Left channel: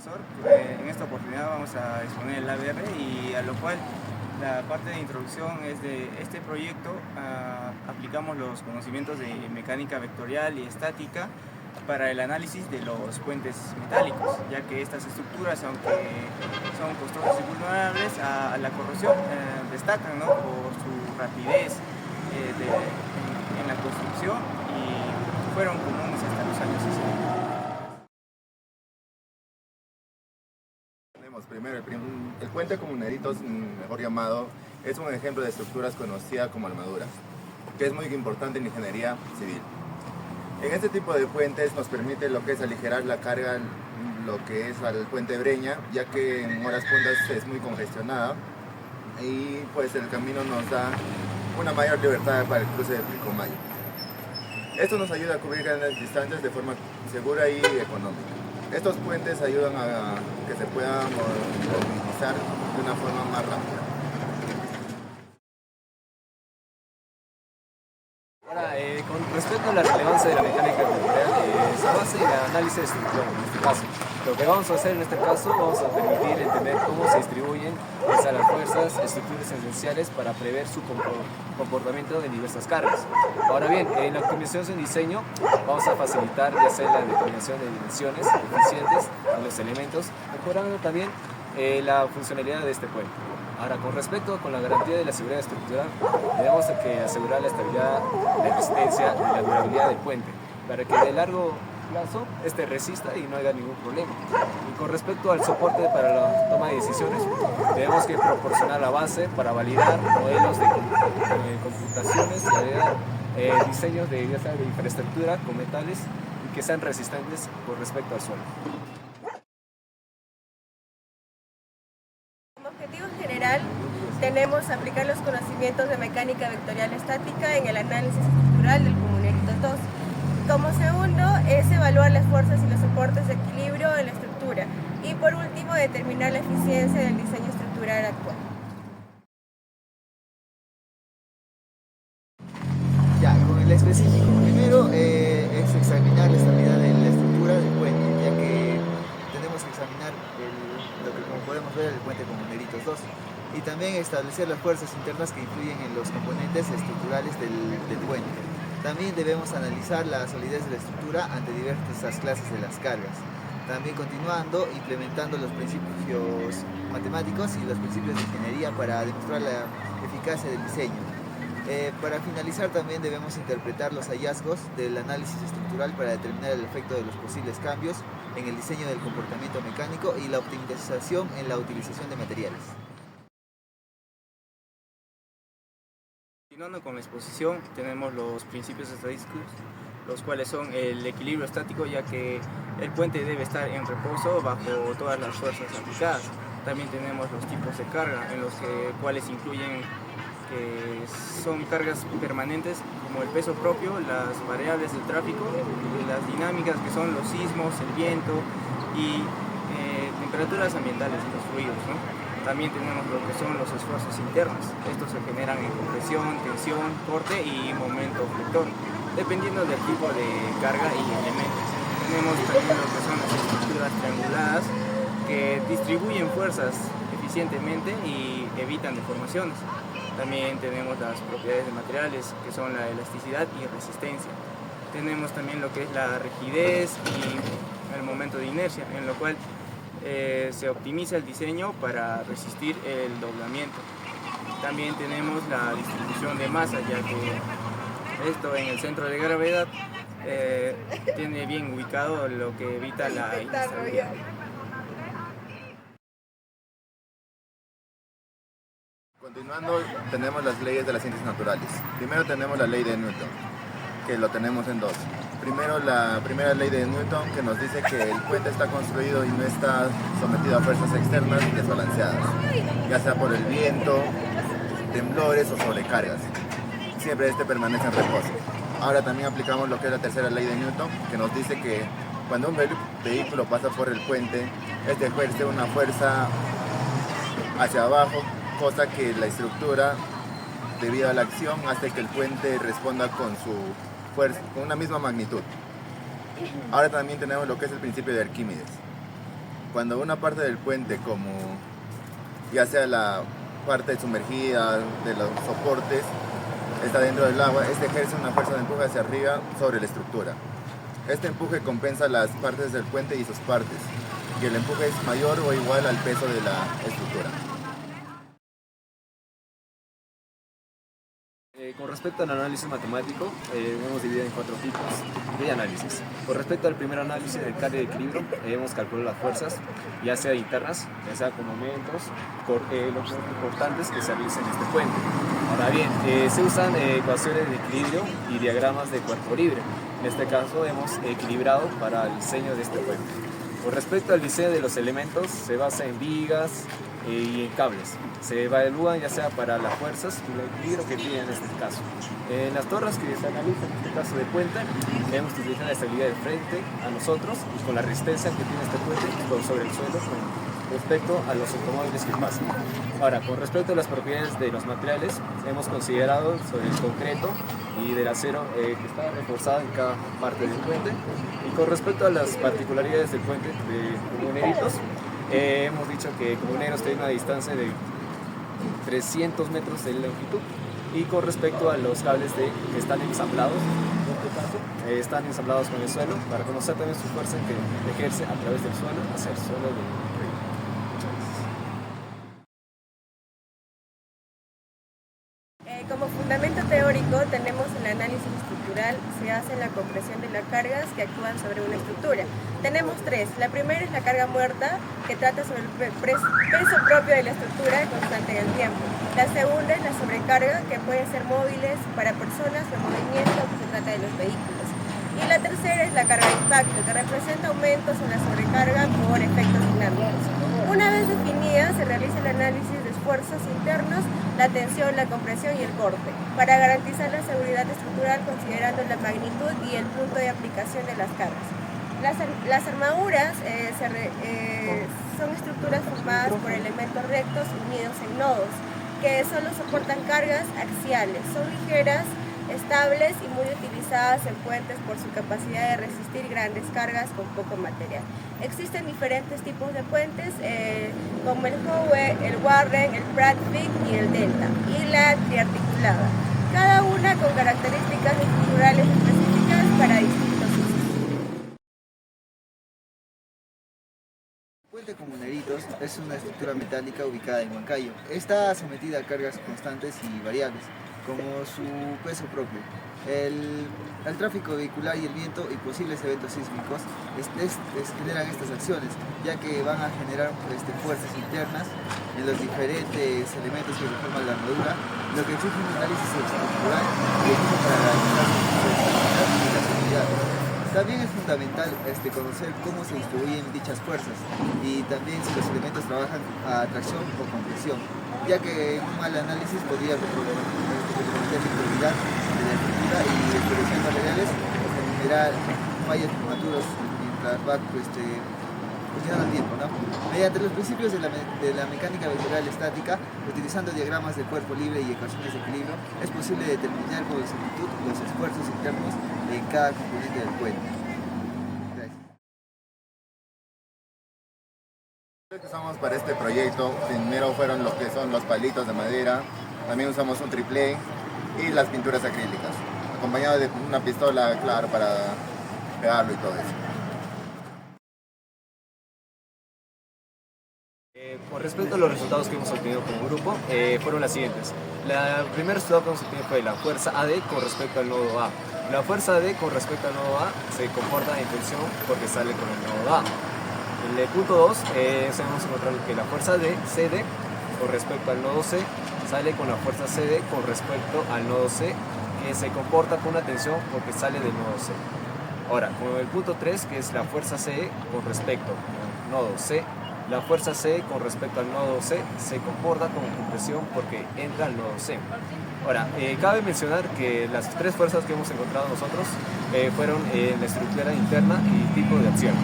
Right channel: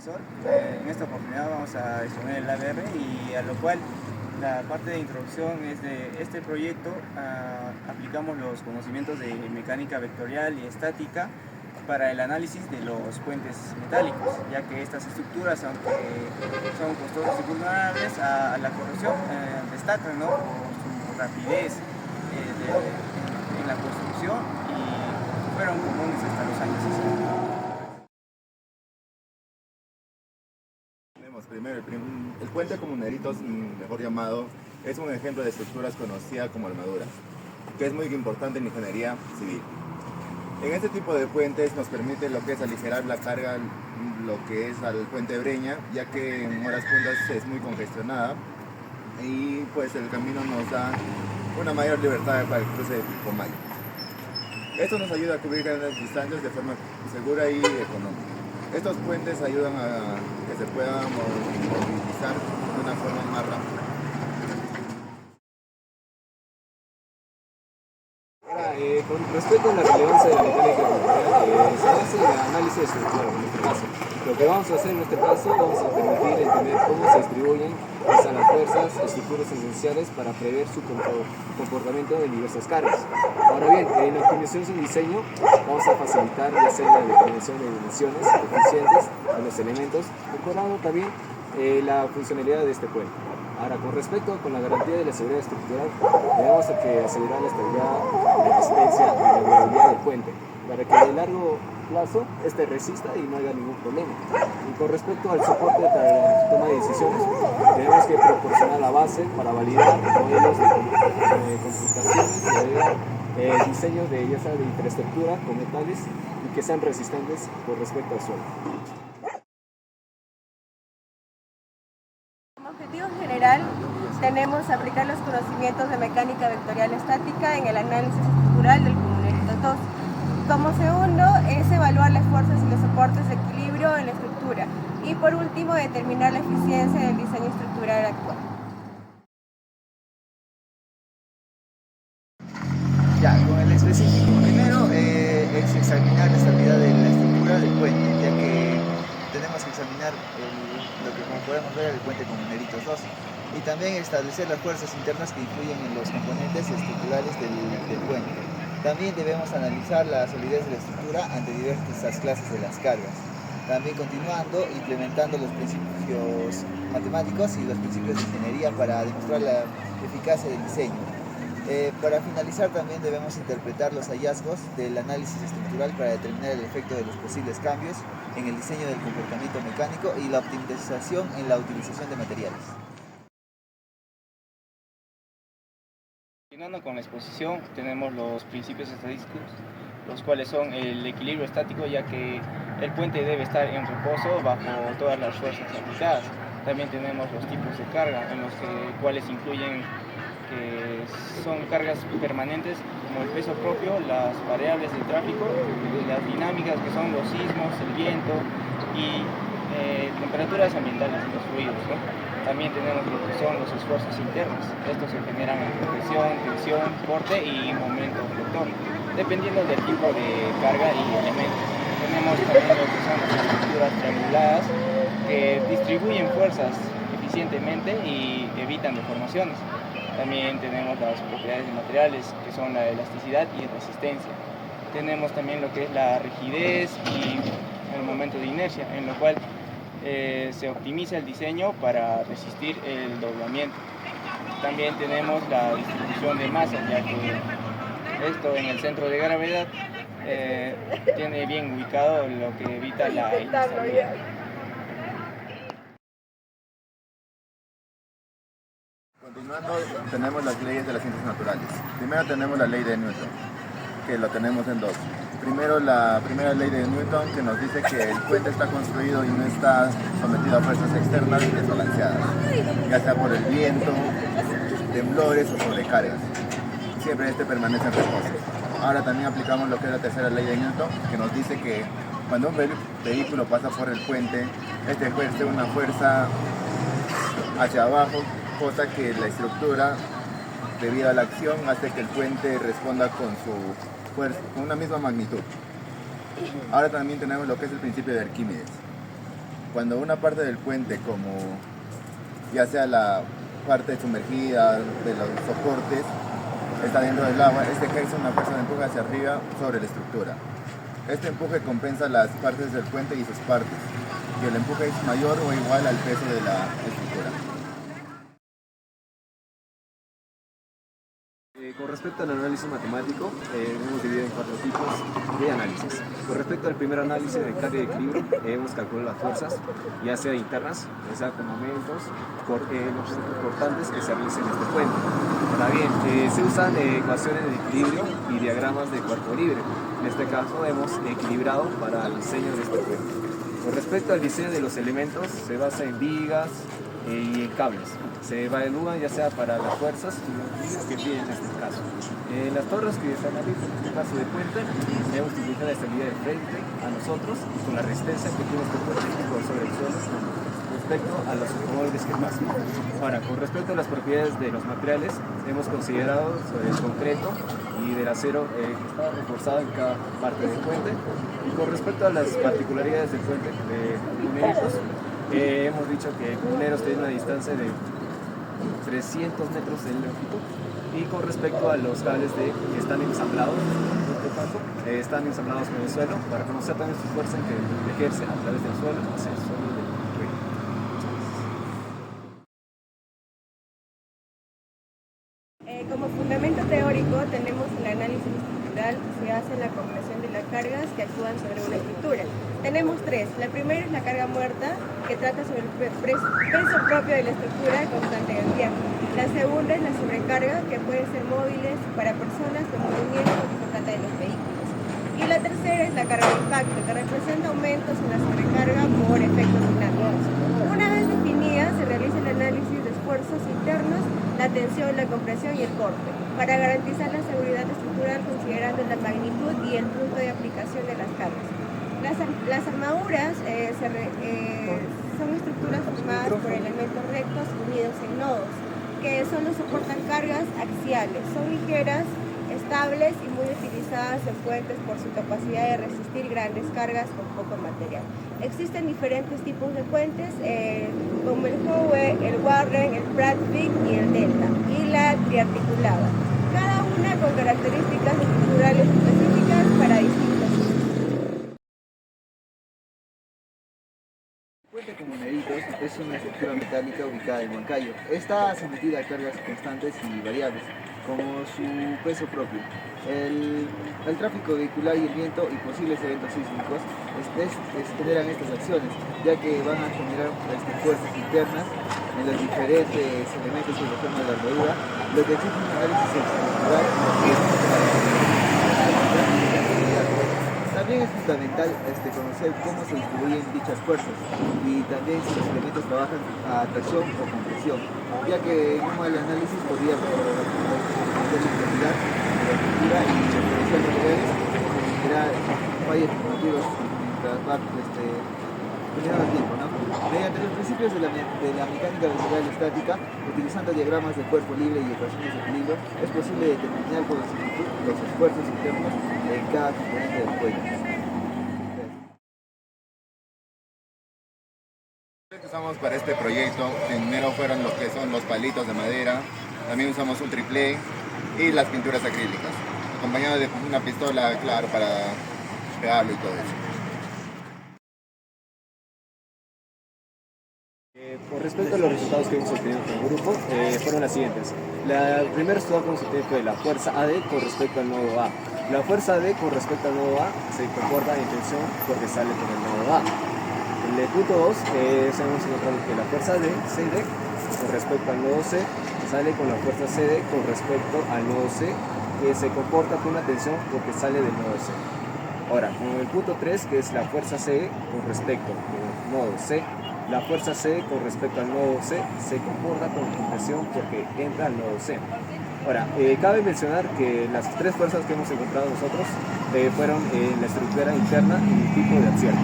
profesor. En esta oportunidad vamos a exponer el ABR y a lo cual la parte de introducción es de este proyecto. Aplicamos los conocimientos de mecánica vectorial y estática para el análisis de los puentes metálicos, ya que estas estructuras, aunque son costosas y vulnerables a la corrosión, destacan, ¿no?, por su rapidez en la construcción y fueron comunes hasta los años 60. Primero, el puente comuneritos, mejor llamado, es un ejemplo de estructuras conocidas como armaduras, que es muy importante en ingeniería civil. En este tipo de puentes nos permite lo que es aligerar la carga, lo que es al puente Breña, ya que en horas puntas es muy congestionada y pues el camino nos da una mayor libertad para el cruce del Pilcomayo. Esto nos ayuda a cubrir grandes distancias de forma segura y económica. Estos puentes ayudan a que se pueda movilizar de una forma más rápida. Con respecto a la relevancia de la mecánica vectorial, se basa en el análisis de estructura en este caso. Lo que vamos a hacer en este caso, vamos a permitir entender cómo se distribuyen las fuerzas, estructuras esenciales para prever su comportamiento de diversas cargas. Ahora bien, en la optimización de diseño vamos a facilitar ya sea la determinación de dimensiones eficientes a los elementos, mejorando también la funcionalidad de este puente. Ahora, con respecto con la garantía de la seguridad estructural, tenemos que asegurar la estabilidad, la resistencia y la durabilidad del puente, para que de largo plazo este resista y no haya ningún problema. Y con respecto al soporte para la toma de decisiones, tenemos que proporcionar la base para validar modelos de computaciones y diseños de infraestructura con metales y que sean resistentes con respecto al suelo. Como objetivo general, tenemos aplicar los conocimientos de mecánica vectorial estática en el análisis estructural del comuneritos 2. Como segundo, es evaluar las fuerzas y los soportes de equilibrio en la estructura. Y por último, determinar la eficiencia del diseño estructural actual. Ya, con el específico. Primero es examinar la estabilidad de la estructura del puente, ya que tenemos que examinar lo que, como podemos ver, el puente comuneritos 2. Y también establecer las fuerzas internas que influyen en los componentes estructurales del puente. También debemos analizar la solidez de la estructura ante diversas clases de las cargas. También continuando, implementando los principios matemáticos y los principios de ingeniería para demostrar la eficacia del diseño. Para finalizar, también debemos interpretar los hallazgos del análisis estructural para determinar el efecto de los posibles cambios en el diseño del comportamiento mecánico y la optimización en la utilización de materiales. Continuando con la exposición, tenemos los principios estadísticos, los cuales son el equilibrio estático, ya que el puente debe estar en reposo bajo todas las fuerzas aplicadas. También tenemos los tipos de carga, en los cuales incluyen son cargas permanentes como el peso propio, las variables del tráfico, las dinámicas que son los sismos, el viento y temperaturas ambientales de los fluidos, ¿no? También tenemos lo que son los esfuerzos internos. Estos se generan en compresión, tensión, corte y momento fluctuante, dependiendo del tipo de carga y elementos. Tenemos también lo que son las estructuras trianguladas que distribuyen fuerzas eficientemente y evitan deformaciones. También tenemos las propiedades de materiales, que son la elasticidad y resistencia. Tenemos también lo que es la rigidez y el momento de inercia, en lo cual se optimiza el diseño para resistir el doblamiento. También tenemos la distribución de masa, ya que esto en el centro de gravedad tiene bien ubicado lo que evita la inestabilidad. Continuando, tenemos las leyes de las ciencias naturales. Primero tenemos la ley de Newton, que lo tenemos en dos. Primero, la primera ley de Newton, que nos dice que el puente está construido y no está sometido a fuerzas externas y desbalanceadas, ya sea por el viento, temblores o sobrecargas. Siempre este permanece en reposo. Ahora también aplicamos lo que es la tercera ley de Newton, que nos dice que cuando un vehículo pasa por el puente, este ejerce una fuerza hacia abajo, cosa que la estructura, debido a la acción, hace que el puente responda con su fuerza, con una misma magnitud. Ahora también tenemos lo que es el principio de Arquímedes, Cuando una parte del puente, como ya sea la parte sumergida de los soportes, está dentro del agua, este ejerce una fuerza de empuje hacia arriba sobre la estructura. Este empuje compensa las partes del puente y sus partes, y el empuje es mayor o igual al peso de la estructura. Con respecto al análisis matemático, hemos dividido en 4 tipos de análisis. Con respecto al primer análisis de carga y equilibrio, hemos calculado las fuerzas, ya sea internas, ya sea con momentos, los importantes que se realicen en este puente. Ahora bien, se usan ecuaciones de equilibrio y diagramas de cuerpo libre. En este caso hemos equilibrado para el diseño de este puente. Con respecto al diseño de los elementos, se basa en vigas y cables. Se evalúan ya sea para las fuerzas y el equilibrio que tienen en este caso. Las torres que se analizan en este caso de puente, debemos utilizar la estabilidad de frente a nosotros y con la resistencia que tiene este puente sobre el suelo respecto a los automóviles que pasan. Ahora, con respecto a las propiedades de los materiales, hemos considerado sobre el concreto y del acero que está reforzado en cada parte del puente. Y con respecto a las particularidades del puente de Muneritos, hemos dicho que Muneros tiene una distancia de 300 metros de longitud. Y con respecto a los cables que están ensamblados, en este caso, están ensamblados con el suelo para conocer también su fuerza que ejerce a través del suelo hacia el suelo del río. Como fundamento teórico tenemos el análisis estructural que se hace en la compresión de las cargas que actúan sobre una estructura. Tenemos 3. La primera es la carga muerta, que trata sobre el peso propio de la estructura constante en el tiempo. La segunda es la sobrecarga, que pueden ser móviles para personas o movimientos, que se trata de los vehículos. Y la tercera es la carga de impacto, que representa aumentos en la sobrecarga por efectos dinámicos. Una vez definida, se realiza el análisis de esfuerzos internos, la tensión, la compresión y el corte, para garantizar la seguridad estructural considerando la magnitud y el punto de aplicación de las cargas. Las armaduras son estructuras formadas por elementos rectos unidos en nodos, que solo soportan cargas axiales, son ligeras, estables y muy utilizadas en puentes por su capacidad de resistir grandes cargas con poco material. Existen diferentes tipos de puentes, como el Howe, el Warren, el Pratt Vic y el Delta, y la triarticulada, cada una con características estructurales específicas para distintos usos. El puente con Muneritos es una estructura metálica ubicada en Huancayo. Está sometida a cargas constantes y variables, como su peso propio. El tráfico vehicular y el viento y posibles eventos sísmicos generan estas acciones, ya que van a generar fuerzas internas en los diferentes elementos que forman la armadura, lo que exige un análisis estructural y también es fundamental conocer cómo se distribuyen dichas fuerzas y también si los elementos trabajan a tracción o compresión, ya que un mal análisis podría comprometer la integridad de la estructura y diferenciar materiales y generar fallos prematuros mientras va funcionando al tiempo, ¿no? Mediante los principios de la mecánica vectorial estática, utilizando diagramas de cuerpo libre y ecuaciones de equilibrio, es posible determinar con exactitud los esfuerzos internos en cada componente del puente. Lo que usamos para este proyecto primero fueron lo que son los palitos de madera, también usamos un triplé y las pinturas acrílicas, acompañado de una pistola, claro, para pegarlo y todo eso. Con respecto a los resultados que hemos obtenido como grupo, fueron las siguientes. El primer resultado que hemos obtenido fue la fuerza AD con respecto al nodo A. La fuerza AD con respecto al nodo A se comporta en tensión porque sale con el nodo A. En el punto 2, hemos encontrado que la fuerza CD con respecto al nodo C sale con la fuerza CD con respecto al nodo C, que se comporta con una tensión porque sale del nodo C. Ahora, con el punto 3, que es la fuerza C con respecto al nodo C, la fuerza C con respecto al nodo C se comporta con compresión porque entra al nodo C. Ahora, cabe mencionar que las 3 fuerzas que hemos encontrado nosotros fueron en la estructura interna y tipo de acción.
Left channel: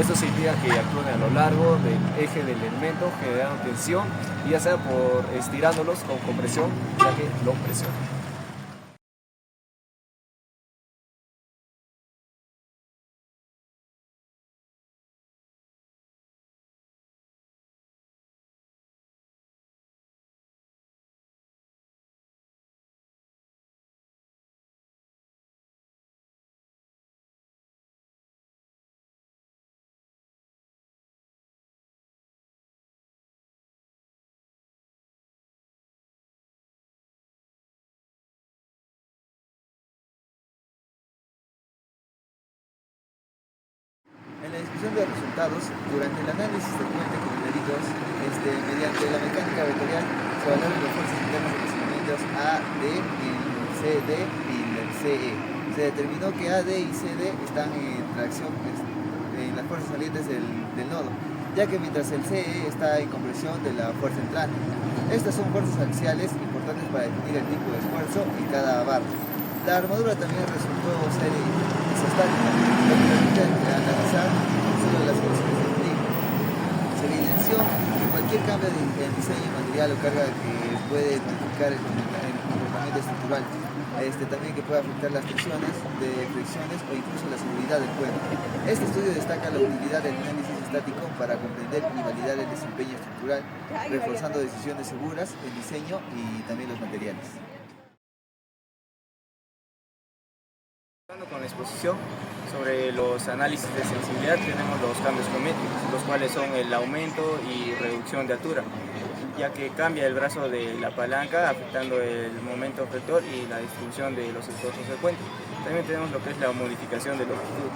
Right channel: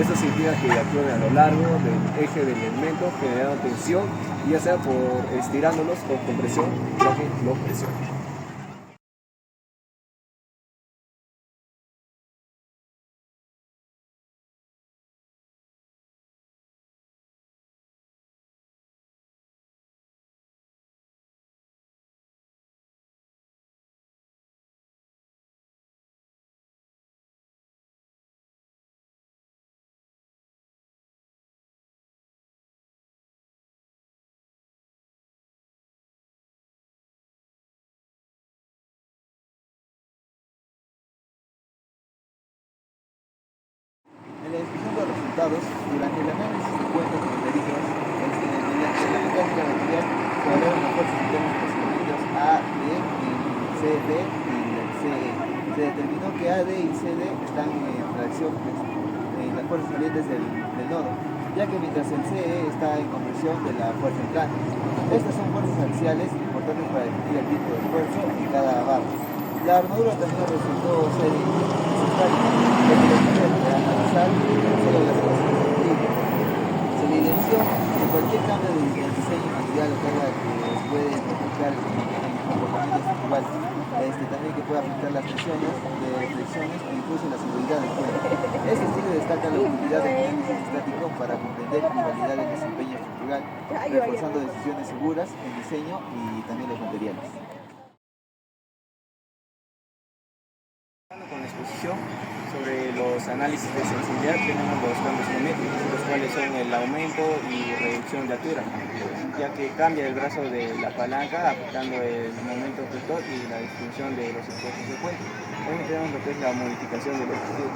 Esto significa que actúan a lo largo del eje del elemento, generando tensión, y ya sea por estirándolos o compresión, ya que lo presionan. resultados, durante el análisis del puente con numeritos, mediante la mecánica vectorial se valoran las fuerzas internas de los elementos A, D y CD y CE. Se determinó que AD y CD están en reacción en las fuerzas salientes del nodo, ya que mientras el CE está en conversión de la fuerza entrante. Estas son fuerzas axiales importantes para definir el tipo de esfuerzo en cada barra. La armadura también resultó ser analizar solo las situaciones de equilibrio. Se evidenció que cualquier cambio del diseño material o carga que puede modificar el comportamiento estructural, también que puede afectar las presiones de fricciones o incluso la seguridad del cuerpo. Este estudio destaca la utilidad del análisis estático para comprender y validar el desempeño estructural, reforzando decisiones seguras en diseño y también los materiales. Con la exposición sobre los análisis de sensibilidad tenemos los cambios geométricos, los cuales son el aumento y reducción de altura, ya que cambia el brazo de la palanca afectando el momento vector y la distribución de los esfuerzos del puente. También tenemos lo que es la modificación de longitud,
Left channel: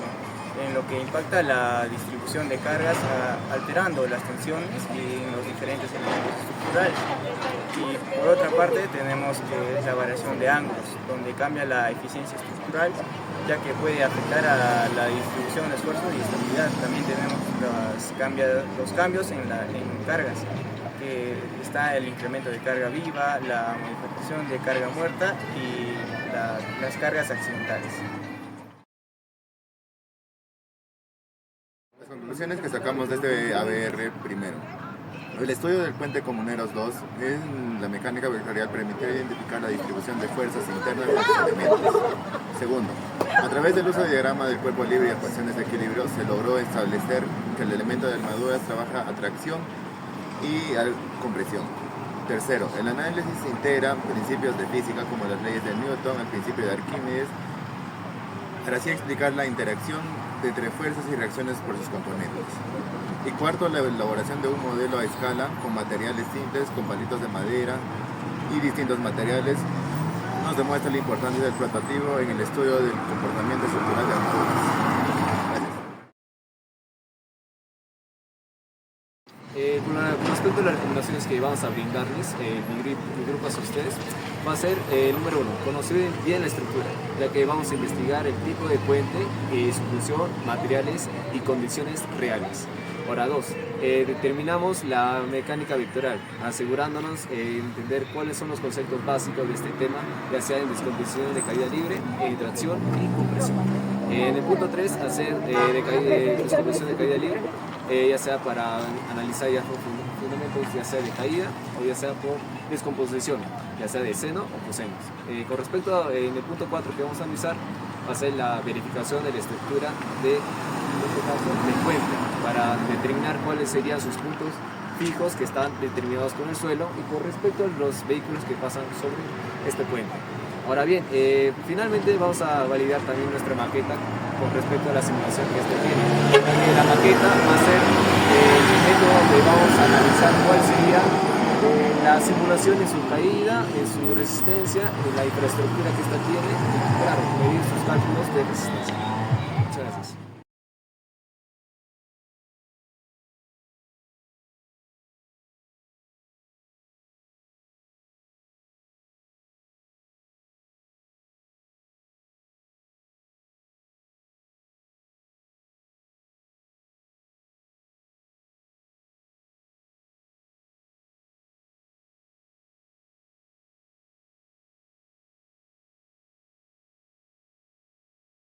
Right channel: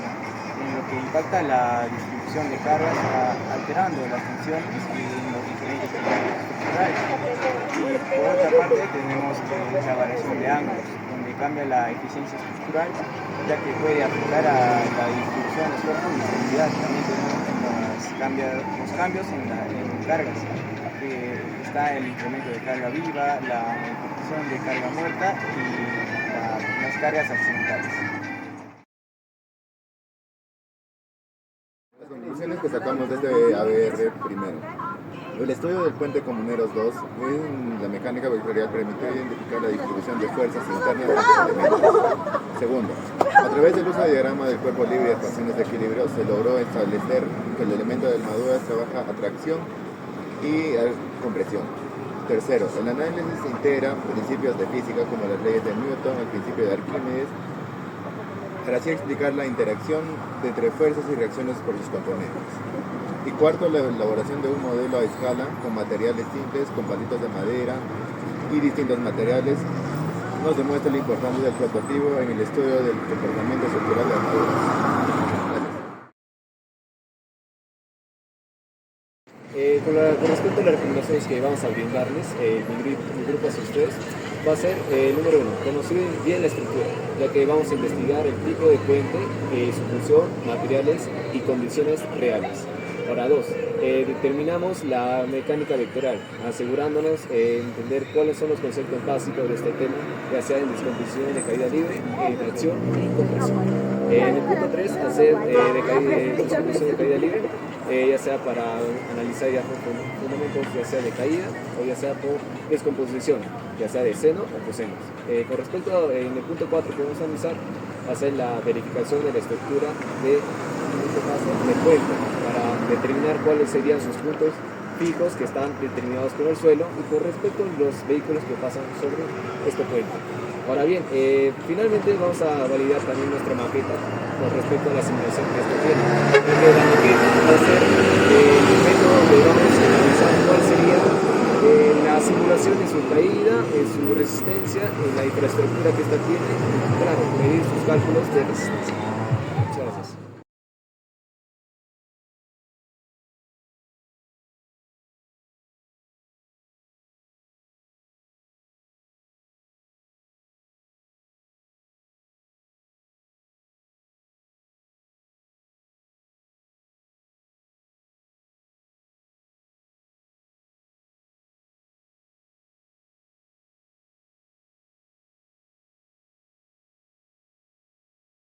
en lo que impacta la distribución de cargas alterando las tensiones y los diferentes elementos estructurales. Y por otra parte tenemos que es la variación de ángulos, donde cambia la eficiencia estructural, ya que puede afectar a la distribución de esfuerzo y estabilidad. También tenemos los cambios en cargas, que está el incremento de carga viva, la modificación de carga muerta y las cargas accidentales. Las conclusiones que sacamos de este ABR primero. El estudio del puente Comuneros 2 en la mecánica vectorial permitió identificar la distribución de fuerzas internas de los elementos. Segundo, a través del uso de diagrama del cuerpo libre y ecuaciones de equilibrio se logró establecer que el elemento de armaduras trabaja a tracción y a compresión. Tercero, el análisis integra principios de física como las leyes de Newton, el principio de Arquímedes, para así explicar la interacción entre fuerzas y reacciones por sus componentes. Y cuarto, la elaboración de un modelo a escala con materiales simples, con palitos de madera y distintos materiales, nos demuestra la importancia del prototipo en el estudio del comportamiento estructural de armaduras. Con respecto a las recomendaciones que vamos a brindarles, mi grupo hacia ustedes, va a ser número 1, conocer bien la estructura, ya que vamos a investigar el tipo de puente, su función, materiales y condiciones reales. Ahora 2, determinamos la mecánica vectorial, asegurándonos entender cuáles son los conceptos básicos de este tema, ya sea en descomposición de caída libre, tracción y compresión. En el punto 3, hacer descomposición de caída libre, ya sea para analizar ya fundamentos, ya sea de caída o ya sea por descomposición, ya sea de seno o cosenos. Con respecto en el punto 4 que vamos a analizar, va a ser la verificación de la estructura de puente para determinar cuáles serían sus puntos fijos que están determinados con el suelo y con respecto a los vehículos que pasan sobre este puente. Ahora bien, finalmente vamos a validar también nuestra maqueta con respecto a la simulación que este tiene. Porque la maqueta va a ser el objeto donde vamos a analizar cuál sería la simulación en su caída, en su resistencia, en la infraestructura que esta tiene para medir sus cálculos de resistencia.